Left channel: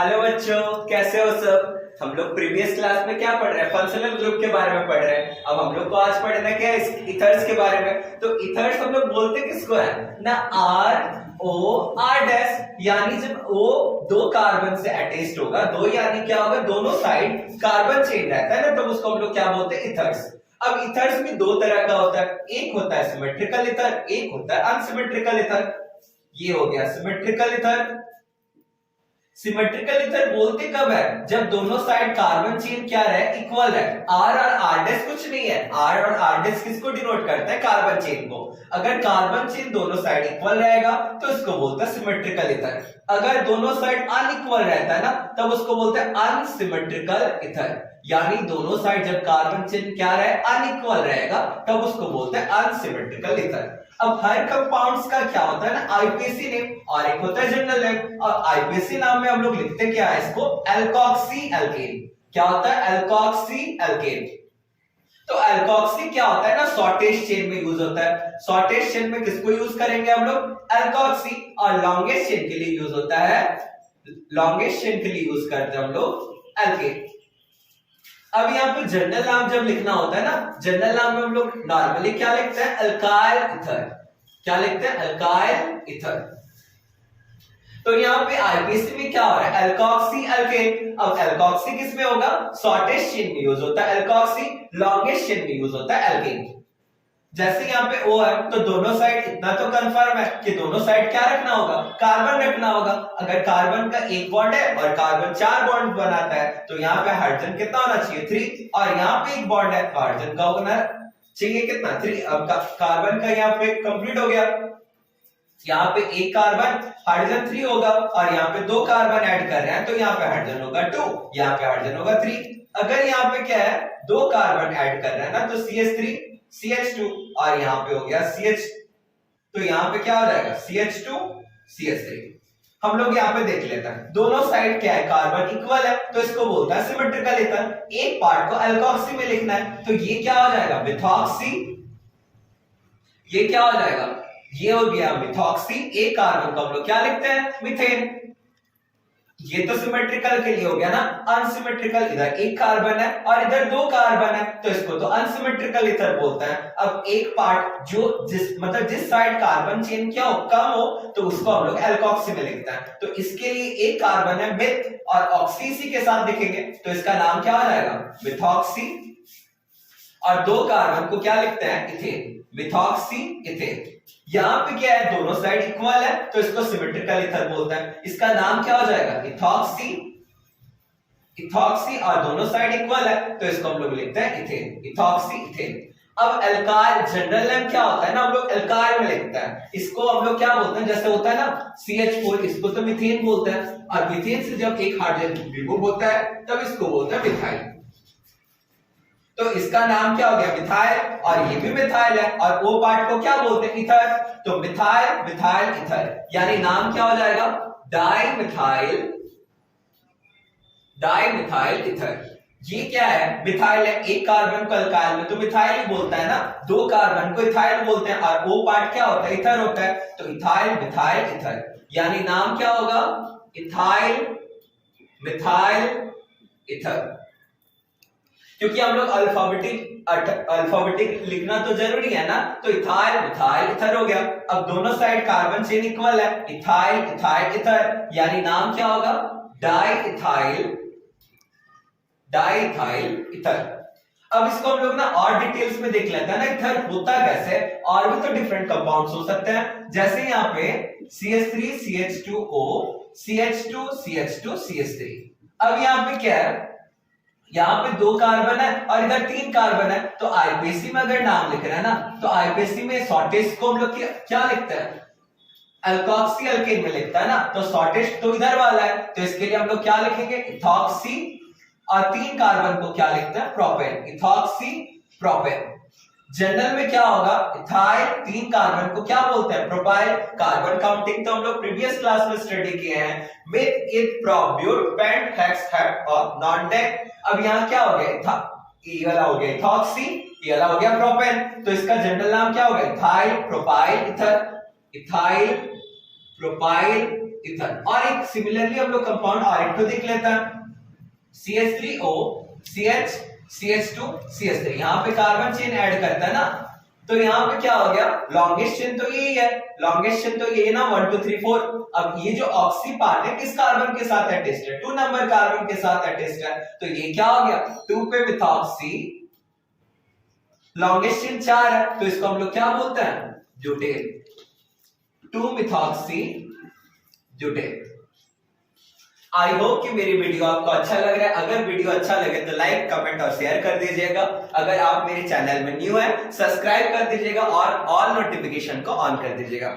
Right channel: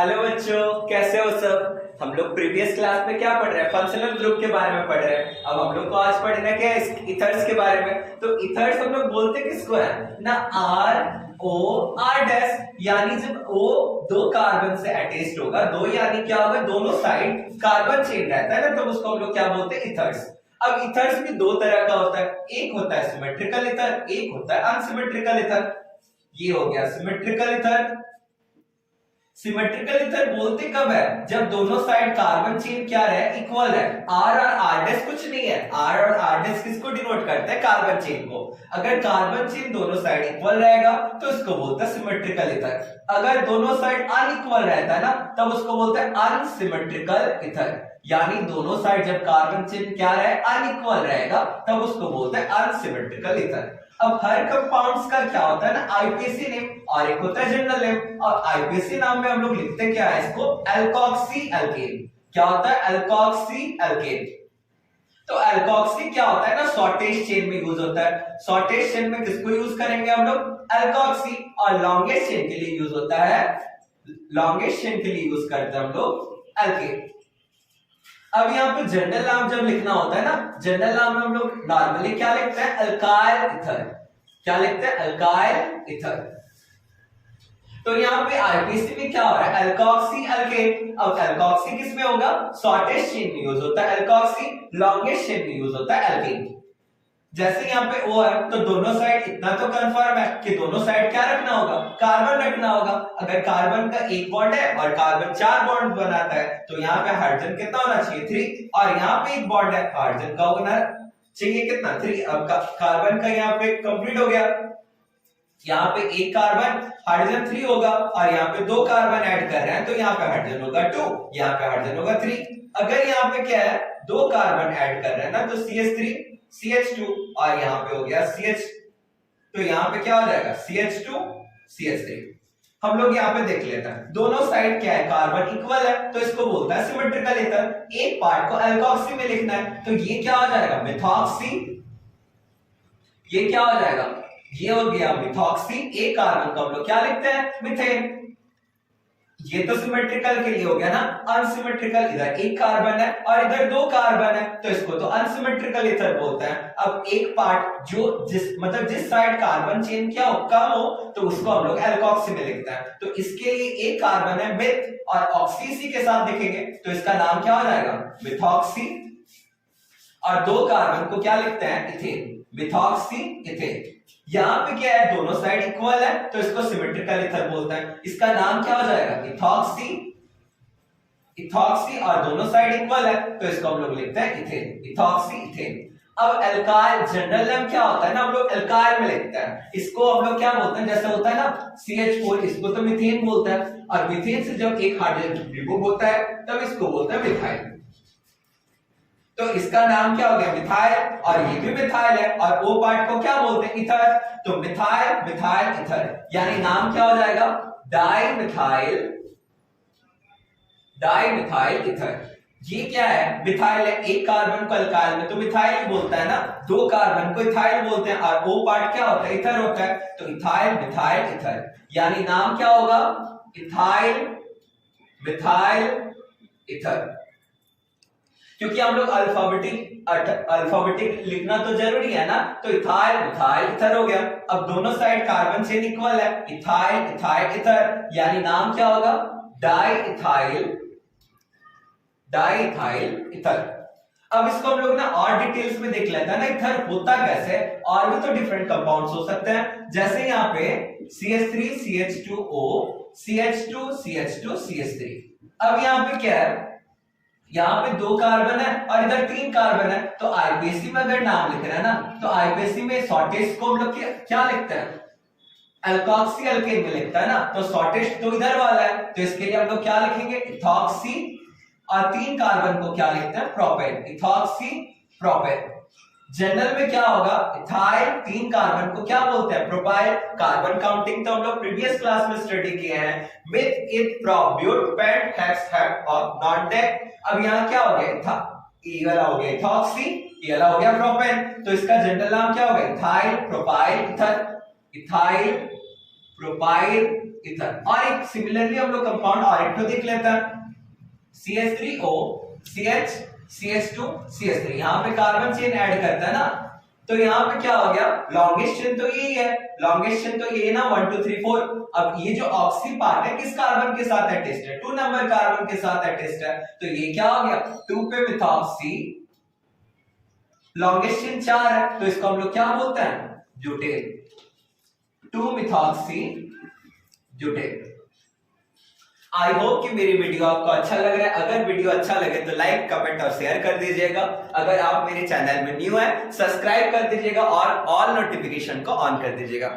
Hello बच्चों, कैसे हो सब। हम लोग प्रीवियस क्लास में क्या पढ़ रहे हैं, फंक्शनल ग्रुप के बारे में पढ़ रहे हैं। अब हम लोग को आज पढ़ना क्या है, इथर्स के बारे में। तो इथर्स हम लोग बोलते किसको है ना, आर ओ आर डैश, यानी जब ओ दो कार्बन से अटैच्ड होगा, दो यानी क्या होगा, दोनों साइड कार्बन चेन रहता है ना, तो उसको हम लोग क्या बोलते हैं, इथर्स। अब इथर्स भी दो तरह का होता है, एक होता है सिमेट्रिकल इथर, एक होता है अनसिमेट्रिकल इथर। ये हो गया सिमेट्रिकल इथर। सिमेट्रिकल इथर बोलते कब है, जब दोनों साइड कार्बन चेन क्या रहे, इक्वल है। आर और आर डैश कुछ नहीं है, आर और आर डैश किसको डिनोट करता है, कार्बन चेन को। अगर कार्बन चेन दोनों साइड इक्वल रहेगा तो इसको बोलते हैं सिमेट्रिकल इथर। अगर दोनों साइड अनइक्वल रहता है ना, तब उसको बोलते हैं अनसिमेट्रिकल इथर। यानी दोनों साइड जब कार्बन चेन क्या रहे, अनइक्वल रहेगा, तब उसको बोलते हैं अनसिमेट्रिकल इथर। अब हर कंपाउंड्स का क्या होता है ना, आईपीएसी नेम, और एक होता है जनरल नेम। और आईपीएसी नाम में हम लोग लिखते क्या है इसको, एल्कोक्सी एल्केन। क्या होता है, एल्कोक्सी एल्केन। तो एल्कोक्सी क्या होता है ना, शॉर्टेस्ट चेन में यूज होता है। शॉर्टेस्ट चेन में किसको यूज करेंगे हम लोग, एल्कोक्सी। और लॉन्गेस्ट चेन के लिए यूज होता है, लॉन्गेस्ट चेन के लिए यूज करते हैं हम लोग एल्केन। अब यहाँ पे जनरल नाम जब लिखना होता है ना, जनरल नाम में हम लोग नॉर्मली क्या लिखते हैं, अल्काइल इथर। क्या लिखते हैं, अल्काइल इथर। तो यहाँ पे आईपीसी में क्या हो रहा है, एल्कोक्सी एल्केन। अब एल्कोक्सी किस में होगा, शॉर्टेस्ट चेन में यूज होता है एल्कोक्सी, लॉन्गेस्ट चेन में यूज होता है एल्केन। जैसे यहाँ पे O है, तो दोनों साइड इतना तो कंफर्म है कि दोनों साइड क्या रखना होगा, कार्बन रखना होगा। अगर कार्बन का एक बॉन्ड है और कार्बन चार बॉन्ड बनाता है, तो यहाँ पे हाइड्रोजन कितना होना चाहिए, 3। और यहाँ पे एक बॉन्ड है, हाइड्रोजन का होना चाहिए कितना, 3। अब कार्बन का यहाँ पे कंप्लीट हो गया। यहाँ पे एक कार्बन हाइड्रोजन 3 होगा, और यहाँ पे दो कार्बन ऐड कर रहे हैं, तो यहाँ पे हाइड्रोजन होगा 2, यहाँ पे हाइड्रोजन होगा 3। अगर यहाँ पे क्या है, दो कार्बन ऐड कर रहे हैं ना, तो CH3 CH2, और यहाँ पे हो गया CH, तो यहाँ पे क्या हो जाएगा, CH2 CH3। हम लोग यहाँ पे देख लेते हैं, दोनों साइड क्या है, कार्बन इक्वल है, तो इसको बोलता है सिमेट्रिकल इथर। एक पार्ट को एल्कोक्सी में लिखना है, तो ये क्या हो जाएगा, मिथॉक्सी। ये क्या हो जाएगा, ये हो गया मिथॉक्सी। एक कार्बन को हम लोग क्या लिखते हैं, मीथेन। ये तो सिमेट्रिकल के लिए हो गया ना। अनसिमेट्रिकल, इधर एक कार्बन है और इधर दो कार्बन है, तो इसको तो अनसिमेट्रिकल इथर बोलते हैं। अब एक पार्ट जो जिस साइड कार्बन चेन क्या हो, कम हो, तो उसको हम लोग एल्कोक्सी में लिखते हैं। तो इसके लिए एक कार्बन है मिथ, और ऑक्सी इसी के साथ लिखेंगे, तो इसका नाम क्या हो जाएगा, मिथॉक्सी। और दो कार्बन को क्या लिखते हैं, इथेन, मिथॉक्सी इथेन। यहां पे क्या है, दोनों साइड इक्वल है, तो इसको सिमेट्रिकल इथर बोलते हैं। इसका नाम क्या हो जाएगा, इथॉक्सी, इथॉक्सी। और दोनों साइड इक्वल है, तो इसको हम लोग लिखते हैं इथेन, इथॉक्सी इथेन। अब एल्काइल जनरल नेम क्या होता है ना, हम लोग एल्काइल में लिखते हैं। इसको हम लोग क्या बोलते हैं, जैसे होता है ना CH4, इसको तो मीथेन बोलते हैं। और मीथेन से जब एक हाइड्रोजन रिमूव होता है, तब इसको बोलते हैं मिथाइल। तो इसका नाम क्या हो गया, मिथाइल। और ये भी मिथाइल है, और वो पार्ट को क्या बोलते हैं, इथर। तो मिथाइल मिथाइल इथर, यानी नाम क्या हो जाएगा, di methyl, di methyl ether. ये क्या है, मिथाइल है। एक कार्बन को अल्काइल में तो मिथाइल ही बोलता है ना, दो कार्बन को इथाइल बोलते हैं, और वो पार्ट क्या होता है, इथर होता है। तो इथाइल मिथाइल इथर, यानी नाम क्या होगा, इथाइल मिथाइल इथर। क्योंकि हम लोग अल्फाबेटिक लिखना तो जरूरी है ना, तो इथाइल मिथाइल इथर हो गया। अब दोनों साइड कार्बन चेन इक्वल है, इथाइल इथाइल इथर, यानी नाम क्या होगा, di ethyl, di ethyl ether. अब इसको हम लोग ना और डिटेल्स में देख लेते हैं ना, इथर होता कैसे। और भी तो डिफरेंट कंपाउंड्स हो सकते हैं, जैसे यहाँ पे CH3 CH2O CH2 CH2 CH3। अब यहाँ पे क्या है, यहाँ पे दो कार्बन है और इधर तीन कार्बन है, तो आईपीएसी में अगर नाम लिख रहे हैं ना, तो आईपीएसी में शॉर्टेस्ट को हम लोग क्या लिखते हैं, एल्कोक्सी एल्केन में लिखता है ना। तो शॉर्टेस्ट तो इधर वाला है, तो इसके लिए हम लोग क्या लिखेंगे, इथॉक्सी। और तीन कार्बन को क्या लिखते हैं, प्रोपेन, इथॉक्सी प्रोपेन। जनरल में क्या होगा, इथाइल। तीन कार्बन को क्या बोलते हैं, प्रोपाइल। कार्बन काउंटिंग तो हम लोग प्रीवियस क्लास में स्टडी किए हैं, meth eth prop but pent hex hept और नॉन डेक। अब यहाँ क्या हो गया, ये वाला हो गया इथॉक्सी, ये वाला हो गया प्रोपेन। तो इसका जनरल नाम क्या हो गया, ethyl propyl ether, ethyl propyl ether. और एक सिमिलरली हम लोग कंपाउंड और एक तो देख लेता है, CH3O CH CH2 CH3, यहां पे कार्बन चेन ऐड करता है ना, तो यहां पे क्या हो गया, लॉन्गेस्ट चेन तो यही है, लॉन्गेस्ट चेन तो ये ना 1 2 3 4। अब ये जो ऑक्सी पार्ट है किस कार्बन के साथ अटैच्ड है, 2 नंबर कार्बन के साथ अटैच्ड है, तो ये क्या हो गया 2 पे मिथॉक्सी, लॉन्गेस्ट चेन 4 है तो इसको हम लोग क्या बोलते हैं, butane, 2 methoxy butane. I hope कि मेरी वीडियो आपको अच्छा लग रहा है। अगर वीडियो अच्छा लगे तो लाइक कमेंट और शेयर कर दीजिएगा। अगर आप मेरे चैनल में न्यू है सब्सक्राइब कर दीजिएगा और ऑल नोटिफिकेशन को ऑन कर दीजिएगा।